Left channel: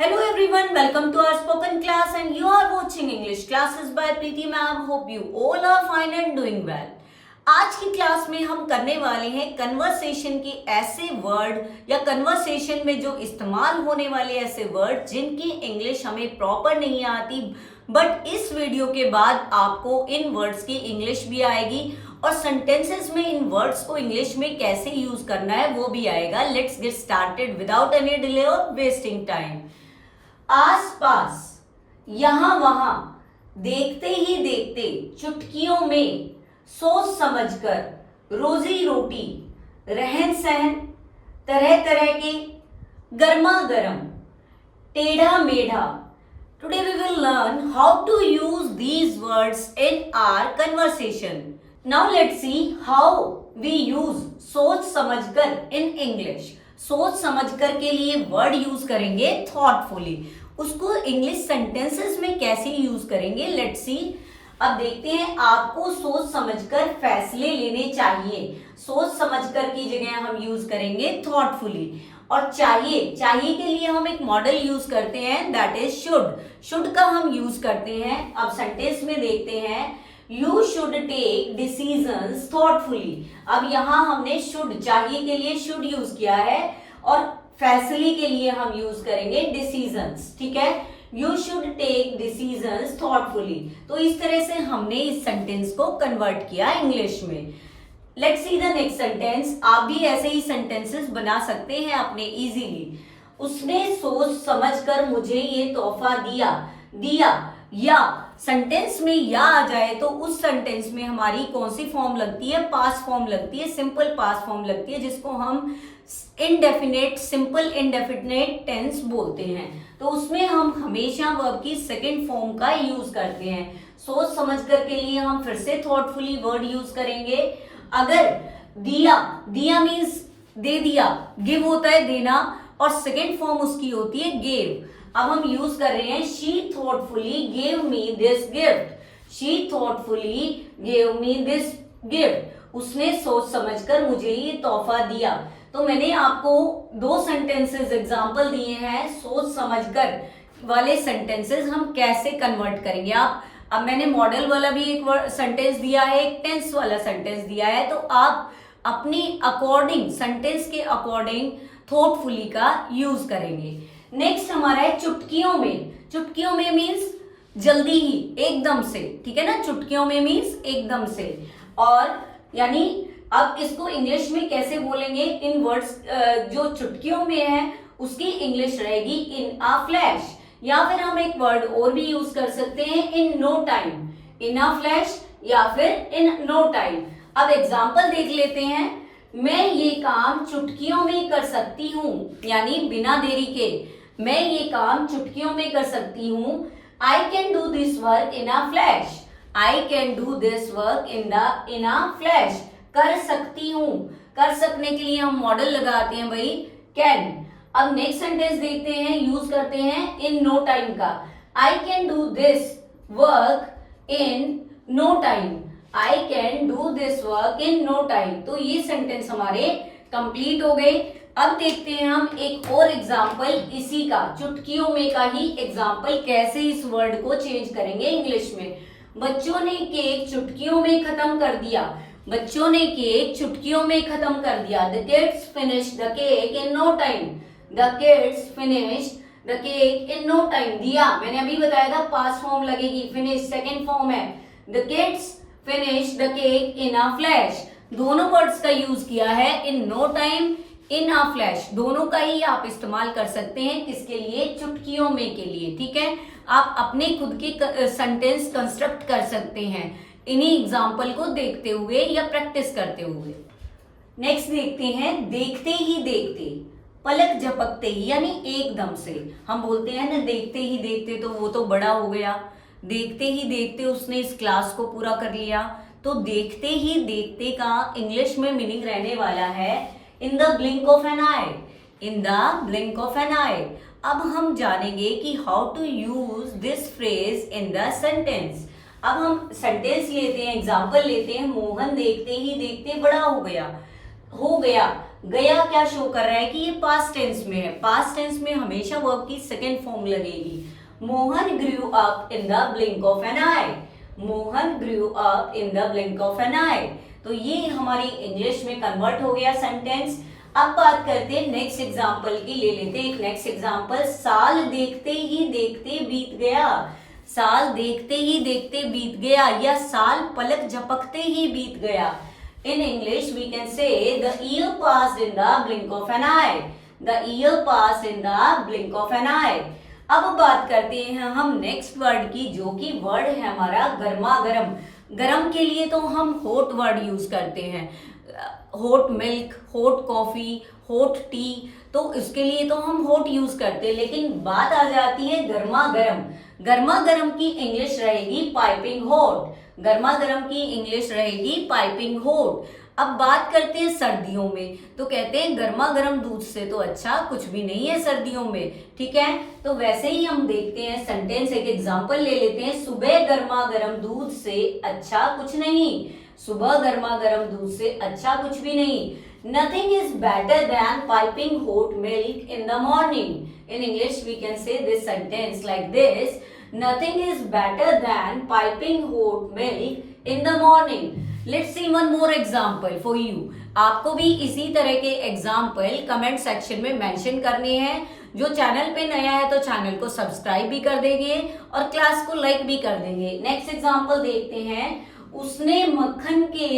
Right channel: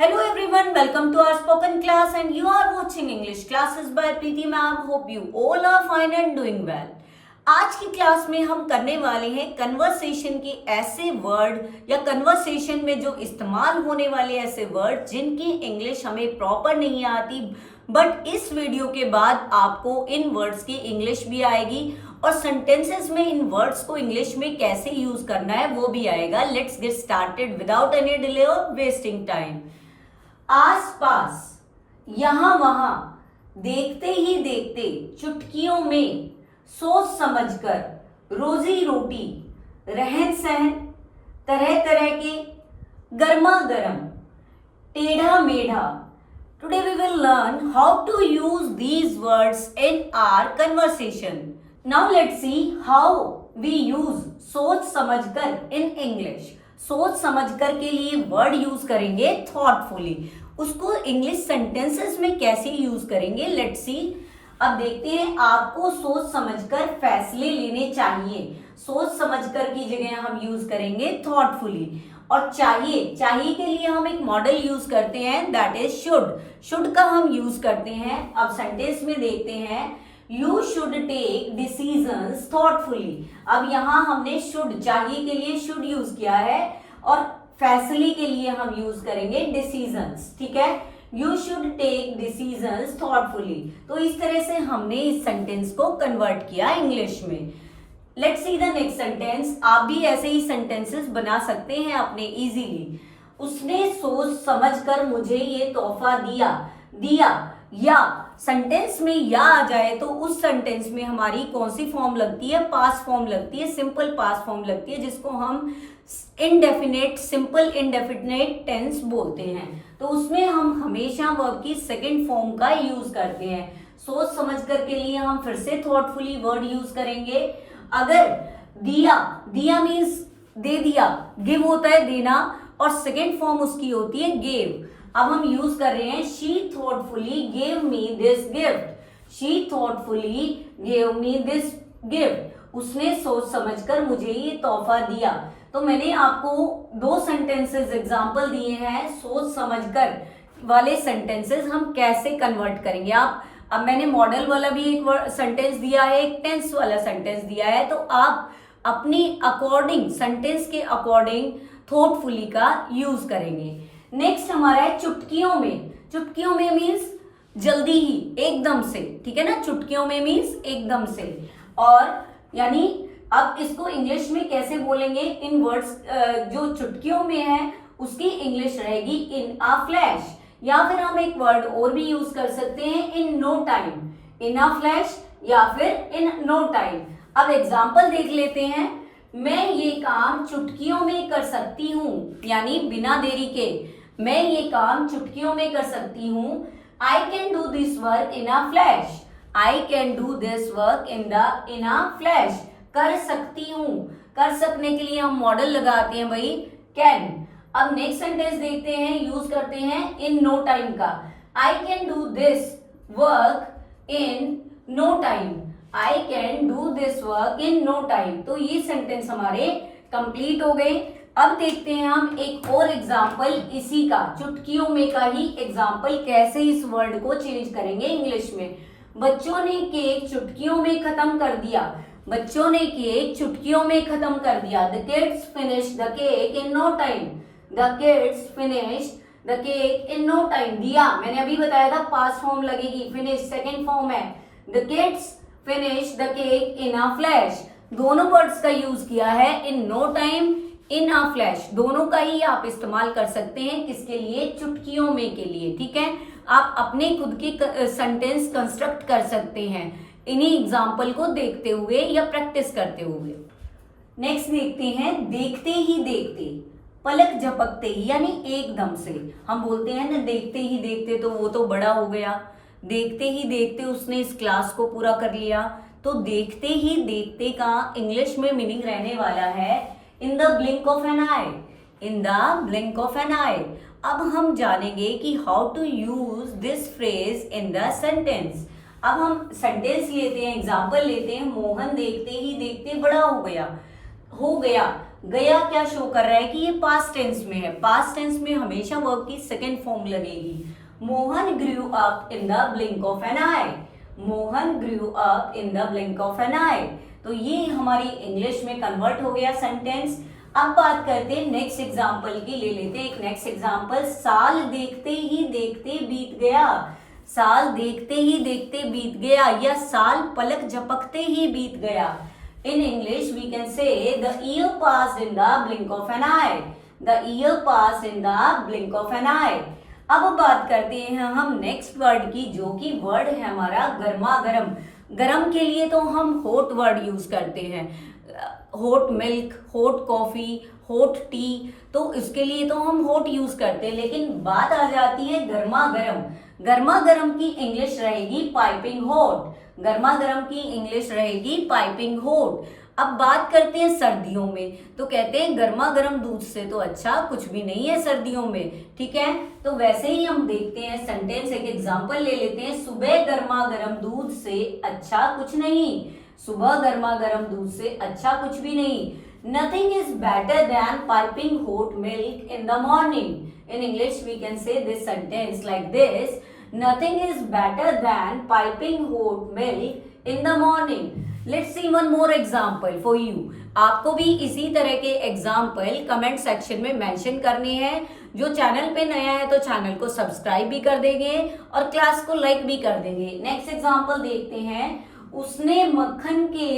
Hello everyone, welcome to our spoken class and you are watching English classes by Preeti ma'am. Hope you all are fine and doing well. आज की class में हम करने वाले हैं conversation के ऐसे वर्ड या कन्वर्सेशन में जो इस्तेमाल होने वाले ऐसे वर्ड जिनकी इंग्लिश हमें प्रॉपर नहीं आती, बट इस वीडियो के बाद आपको इन वर्ड्स की इंग्लिश भी आएगी और सेंटेंसेस में इन वर्ड्स को इंग्लिश में कैसे यूज करना है वो भी आएगा. Let's get started without any delay और वेस्टिंग टाइम. आस पास, यहां वहां, देखते ही देखते, चुटकियों में, सोच समझकर, रोजी रोटी, रहन सहन, तरह तरह के, गर्मा गर्म, टेढ़ा मेढ़ा. Today we will learn how to use these words in our conversation. Now let's see how we use सोच समझकर इन इंग्लिश. सोच समझकर के लिए वर्ड यूज करेंगे थॉटफुली. उसको इंग्लिश सेंटेंसेस में कैसे यूज करेंगे, लेट्स सी. अब देखते हैं. आपको सोच समझकर फैसले लेने चाहिए. सोच समझकर की जगह हम यूज करेंगे थॉटफुली. और चाहिए के लिए हम एक मॉडल यूज करते हैं, दैट इज शुड. शुड का हम यूज करते हैं. अब सेंटेंस में देखते हैं, you should take decisions thoughtfully. अब यहां हमने शुड, चाहिए के लिए शुड यूज किया है और फैसले के लिए हम यूज करेंगे डिसीजंस. ठीक है, you should take decisions thoughtfully. तो इस तरह से हमने इस सेंटेंस को कन्वर्ट किया इंग्लिश में. Let's see the next sentence. आप भी ऐसे ही सेंटेंसेस बना सकते हैं अपने इजीली. उसने सोच समझकर मुझे ये तोहफा दिया. या सेंटेंस में या आ जाए तो उस सेंटेंस में हमारी कौन सी फॉर्म लगती है, पास्ट फॉर्म लगती है, सिंपल पास्ट फॉर्म लगती है, जिसको हम इनडेफिनेट, सिंपल इनडेफिनेट टेंस बोलते हैं. तो उसमें हम हमेशा वर्ब की सेकंड फॉर्म का यूज करते हैं. सोच समझकर के लिए हम फिर से थॉटफुली वर्ड यूज करेंगे. अगर दिया मीन्स दे दिया, गिव होता है देना, और सेकंड फॉर्म उसकी होती है गेव. अब हम यूज कर रहे हैं, she thoughtfully gave me this gift. She thoughtfully gave me this gift. उसने सोच समझकर मुझे ये तोहफा दिया. तो मैंने आपको दो सेंटेंसेस एग्जांपल दिए हैं. सोच समझकर वाले सेंटेंसेस हम कैसे कन्वर्ट करेंगे. अब मैंने मॉडल वाला भी एक सेंटेंस दिया है, एक टेंस वाला सेंटेंस दिया है. तो आप अपनी अकॉर्डिंग, सेंटेंस के अकॉर्डिंग थॉटफुली का यूज करेंगे. नेक्स्ट हमारा है चुटकियों में. चुटकियों में मीन्स जल्दी ही, एकदम से. ठीक है ना, चुटकियों में मीन्स एकदम से. और यानी अब इसको इंग्लिश में कैसे बोलेंगे, इन वर्ड्स जो चुटकियों में है उसकी इंग्लिश रहेगी इन अ फ्लैश. या फिर हम एक वर्ड और भी यूज कर सकते हैं, in no time. In a flash या फिर इन नो टाइम. अब एग्जांपल देख लेते हैं. मैं ये काम चुटकियों में कर सकती हूँ, यानी बिना देरी के. मैं ये काम चुटकियों में कर सकती हूँ. आई can do this work in a flash. I can do this work in a flash. कर सकती हूँ. कर सकने के लिए हम मॉडल लगाते हैं भाई, कैन. अब नेक्स्ट सेंटेंस देखते हैं, यूज करते हैं इन नो टाइम का. I can do this work in no time. I can do this work in no time. तो ये सेंटेंस हमारे कंप्लीट हो गए. अब देखते हैं हम एक और एग्जाम्पल इसी का, चुटकियों में का ही एग्जाम्पल, कैसे इस वर्ड को चेंज करेंगे इंग्लिश में. बच्चों ने केक चुटकियों में खत्म कर दिया. बच्चों ने केक चुटकियों में खत्म कर दिया. The kids finished the cake in no time. The kids finished the cake in no time. दिया मैंने अभी बताया था पास्ट फॉर्म लगेगी, फिनिश सेकंड फॉर्म है. The kids finished the cake in a flash. दोनों वर्ड्स का यूज किया है, in no time, in a flash. दोनों का ही आप इस्तेमाल कर सकते हैं. किसके लिए, चुटकियों में के लिए. ठीक है, आप अपने खुद की सेंटेंस कंस्ट्रक्ट कर सकते हैं इन्हीं एग्जाम्पल को देखते हुए या प्रैक्टिस करते हुए. नेक्स्ट देखते हैं, देखते ही देखते, पलक झपकते ही, यानी एकदम से. हम बोलते हैं ना, देखते ही देखते तो वो तो बड़ा हो गया. देखते ही देखते उसने इस क्लास को पूरा कर लिया. तो देखते ही देखते का इंग्लिश में मीनिंग रहने वाला है in the blink of an eye. In the blink of an eye. अब हम जानेंगे कि how to use this phrase in the sentence. अब हम सेंटेंस लेते हैं, एग्जाम्पल लेते हैं. मोहन देखते ही देखते बड़ा हो गया. गया क्या शो कर रहा है कि ये पास्ट टेंस में है। पास्ट टेंस में हमेशा वर्ब की सेकेंड फॉर्म लगेगी। Mohan grew up in the blink of an eye. Mohan grew up in the blink of an eye. तो ये हमारी इंग्लिश में कन्वर्ट हो गया सेंटेंस। अब बात करते हैं नेक्स्ट एग्जाम्पल की। ले लेते हैं एक नेक्स्ट एग्जाम्पल। साल देखते ही देखते बीत गया। साल देखते ही देखते बीत गया या साल पलक झपकते ही बीत गया। In English, we can say the year passed in the blink of an eye. The year passed in the blink of an eye. अब बात करते हैं हम नेक्स्ट वर्ड की, जो कि वर्ड है हमारा गर्मा गर्म। गर्म के लिए तो हम हॉट वर्ड यूज करते हैं, hot milk, hot coffee, hot T, तो इसके लिए तो हम हॉट यूज करते हैं। लेकिन बात आ जाती है गर्मा गर्म। गर्मा गर्म की इंग्लिश रहेगी पाइपिंग हॉट। गर्मा गर्म की इंग्लिश रहेगी पाइपिंग हॉट। अब बात करते हैं सर्दियों में, तो कहते हैं गर्मा गर्म दूध से तो अच्छा कुछ भी नहीं है सर्दियों में। ठीक है, तो वैसे ही हम देखते हैं सेंटेंस, एक एग्जांपल ले लेते हैं। सुबह गर्मा गर्म दूध से अच्छा कुछ नहीं। सुबह गर्मा गर्म दूध से अच्छा कुछ भी नहीं। Nothing is better than piping hot milk in the morning. In English, we can say this sentence like this. Nothing is better than piping hot milk in the morning. Let's see one more example for you. आपको भी इसी तरह के example comment section में mention करने हैं। जो channel पे नया है तो चैनल को सब्सक्राइब भी कर देंगे और क्लास को लाइक भी कर देंगे। नेक्स्ट एग्जाम्पल देखते हैं। उसने मक्खन के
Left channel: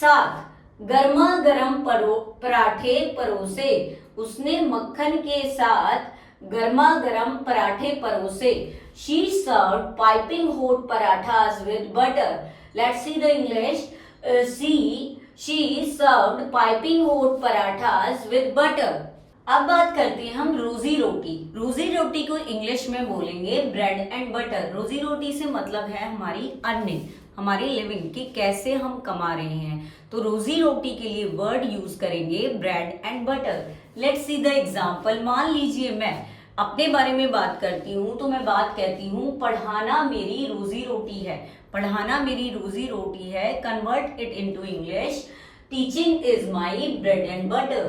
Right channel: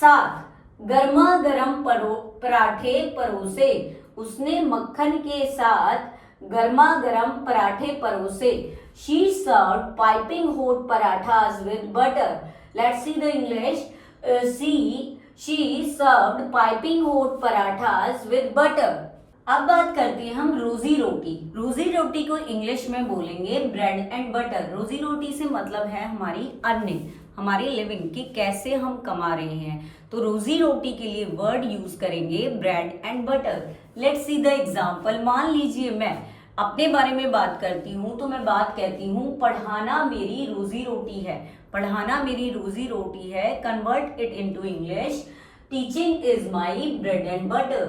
साथ गर्मा गर्म पराठे परोसे। उसने मक्खन के साथ गर्मा गर्म पराठे परोसे। She served piping hot parathas with butter. Let's see the English. She served piping hot parathas with butter. अब बात करते हैं हम रोजी रोटी। रोजी रोटी को इंग्लिश में बोलेंगे ब्रेड एंड बटर। रोजी रोटी से मतलब है हमारी अर्निंग, हमारी लिविंग, कि कैसे हम कमा रहे हैं। तो रोजी रोटी के लिए वर्ड यूज करेंगे bread and butter. Let's see the example. मान लीजिए मैं अपने बारे में बात करती हूँ, तो मैं बात कहती हूँ पढ़ाना मेरी रोजी रोटी है। पढ़ाना मेरी रोजी रोटी है। Convert it into English. Teaching is my bread and butter.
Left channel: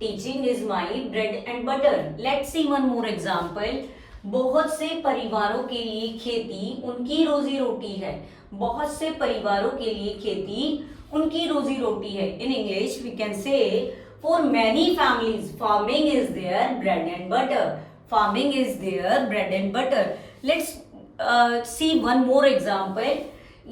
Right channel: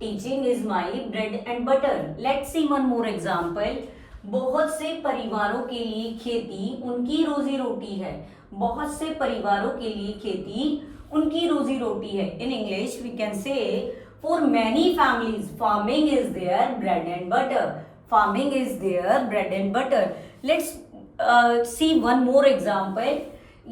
Teaching is my bread and butter. Let's see one more example. बहुत से परिवारों के लिए खेती उनकी रोजी रोटी है। बहुत से परिवारों के लिए खेती उनकी रोजी रोटी है। In English we can say for many families farming is their bread and butter. Farming is their bread and butter. Let's see one more example.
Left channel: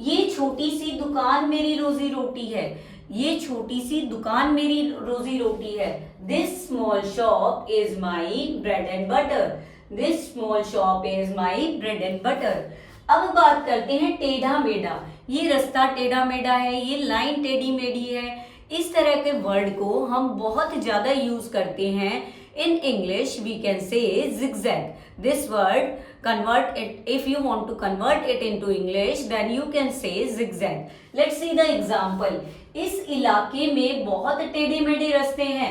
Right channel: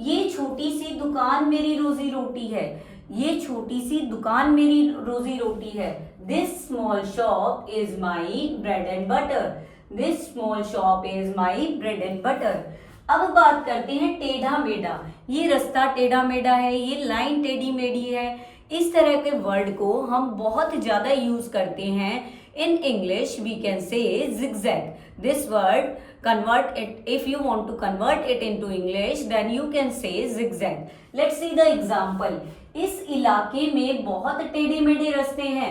ये छोटी सी दुकान मेरी रोजी रोटी है। ये छोटी सी दुकान मेरी रोजी रोटी है। This small shop is my bread and butter. This small shop is my bread and butter. अब बात करते हैं टेढ़ा मेढ़ा। ये रास्ता टेढ़ा मेढ़ा है, ये लाइन टेढ़ी मेढ़ी है। इस तरह के वर्ड को हम बहुत ज्यादा यूज करते हैं। In English we can say zigzag। This word convert it, if you want to convert it into English then you can say zigzag. Let's see the example. इस इलाके में बहुत टेढ़े मेढ़े रास्ते हैं।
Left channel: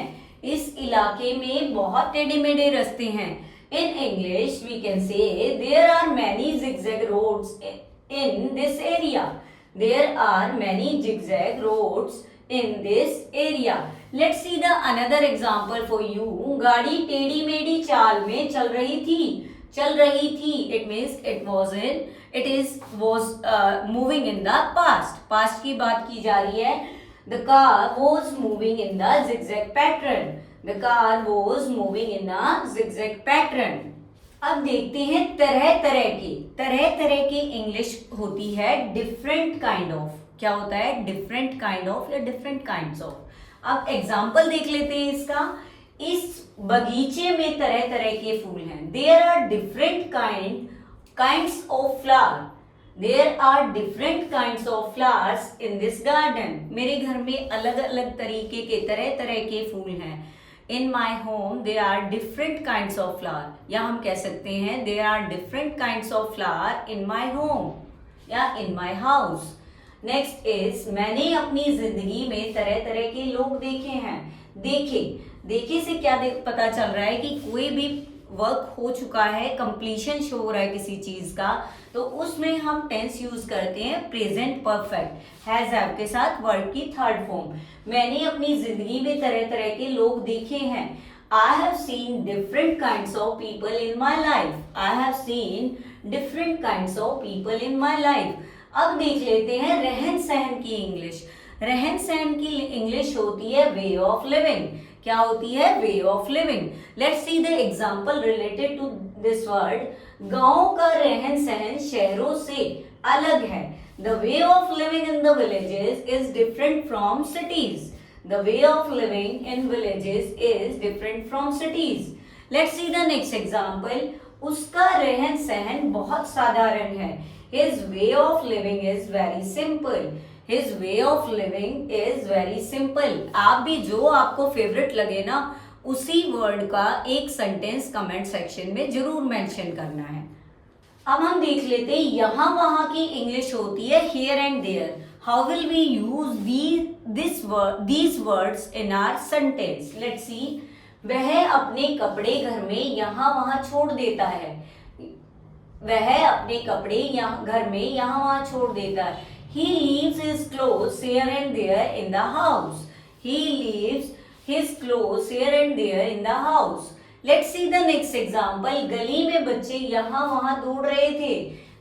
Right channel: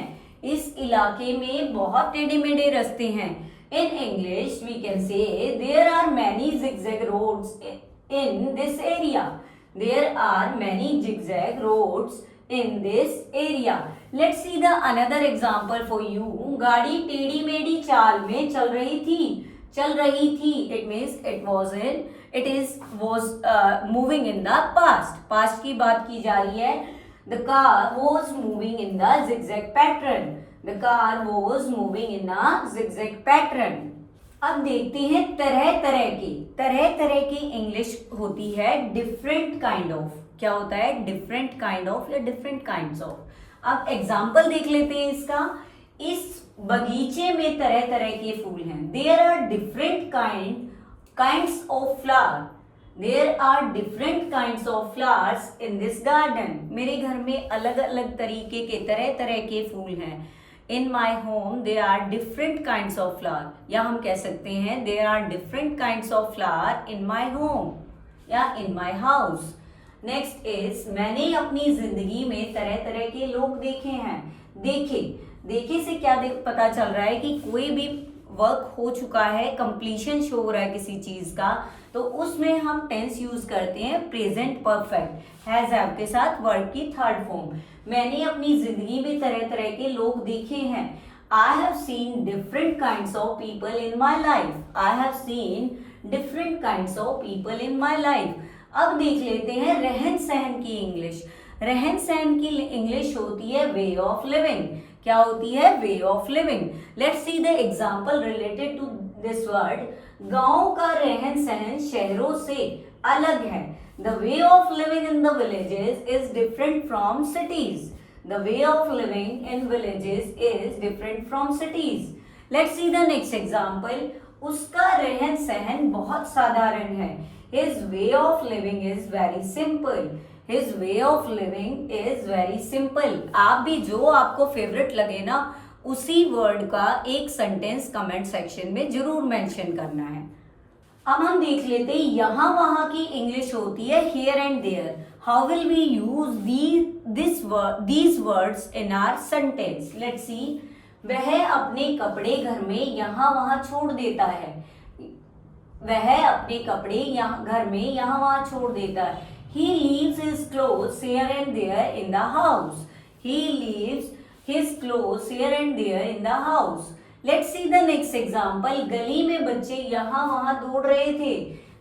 इस इलाके में बहुत टेढ़े मेढ़े रास्ते हैं। In English we can say there are many zigzag roads in this area. There are many zigzag roads in this area. Let's see the another example for you. गाड़ी टेढ़ी मेढ़ी चाल में चल रही थी। चल रही थी, it means it was moving in the past. Past की बात की जा रही है। The car was moving in the zigzag pattern. The car was moving in a zigzag pattern. अब देखते हैं तरह तरह की इंग्लिश होती है डिफरेंट काइंड ऑफ। क्या होता है? डिफरेंट काइंड ऑफ या डिफरेंट काइंड्स ऑफ। अब एग्जाम्पल देख लेते हैं इसका। इस बगीचे में तरह तरह के फूल हैं। There are different kinds of flower. There are different kinds of flowers in this garden. मेरे घर में अलग अलग तरीके के तरह तरह के फूल हैं। In my home there are different kinds of flower, या हम कह सकते हैं there are different kinds of flower in my home या in my house. Next is मैंने अपनी जिंदगी में तरह तरह के लोग देखे हैं। देखे से क्या पता चल रहा है कि कोई भी वर्क हो चुका है, कंप्लीशन शो हो रहा है किसी चीज का, तो उसमें हम टेंस यूज करते हैं प्रेजेंट परफेक्ट हैज हैव के साथ वर्ड की थर्ड फॉर्म। मैंने अपनी जिंदगी में तरह तरह के लोग देखे हैं। I have seen different kinds of people in my life. I have seen different kinds of people in my life. अब देख लेते हैं रहन सहन की इंग्लिश। रहन सहन की इंग्लिश होती है वे ऑफ लिविंग। क्या होती है? Way of living. Let's see the example related to this word. गांव का रहन सहन शहरों से अलग है। The way of living in the villages is different from cities. The way of living in villages is different from cities. Let's see the next example. उसका रहन सहन बहुत साधारण है। His way of living is very simple. His way of living is very simple. आप भी जो आपको फेवरेट लगे ना, उसी वर्ड का एक सेंटेंस कमेंट सेक्शन में जरूर मेंशन करना है। अब हम देख लेते हैं यहाँ वहां की इंग्लिश होती है here and there. How will we use these words in our sentence? Let's see. वह अपने कपड़े घर में यहाँ वहां छोड़ देता है। वह अपने कपड़े घर में यहाँ वहां छोड़ देता है। He leaves his clothes here and there in the house. He leaves his clothes here and there in the house. Let's see the next example. गली में बच्चे यहाँ वहां दौड़ रहे थे।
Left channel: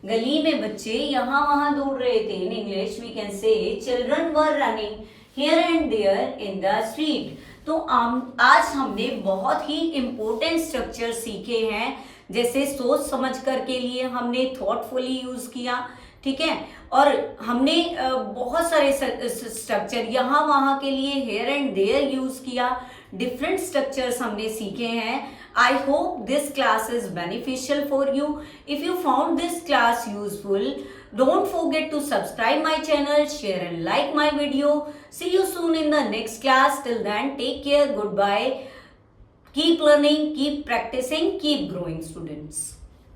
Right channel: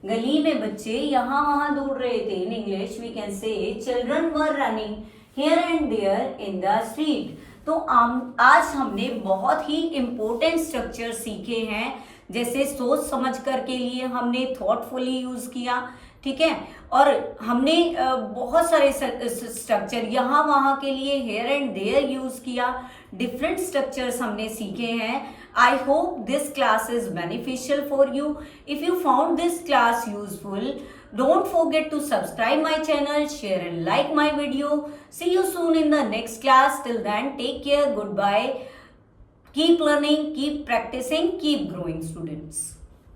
गली में बच्चे यहाँ वहां दौड़ रहे थे। In English we can say children were running here and there in the street. तो आज हमने बहुत ही इम्पोर्टेंट स्ट्रक्चर सीखे हैं, जैसे सोच समझ कर के लिए हमने थॉटफुली यूज किया, ठीक है, और हमने बहुत सारे स्ट्रक्चर यहाँ वहां के लिए हेयर एंड देयर यूज किया। डिफरेंट स्ट्रक्चर्स हमने सीखे हैं। I hope this class is beneficial for you. If you found this class useful, don't forget to subscribe my channel, share and like my video. See you soon in the next class. Till then, take care. Goodbye. Keep learning, keep practicing, keep growing, students.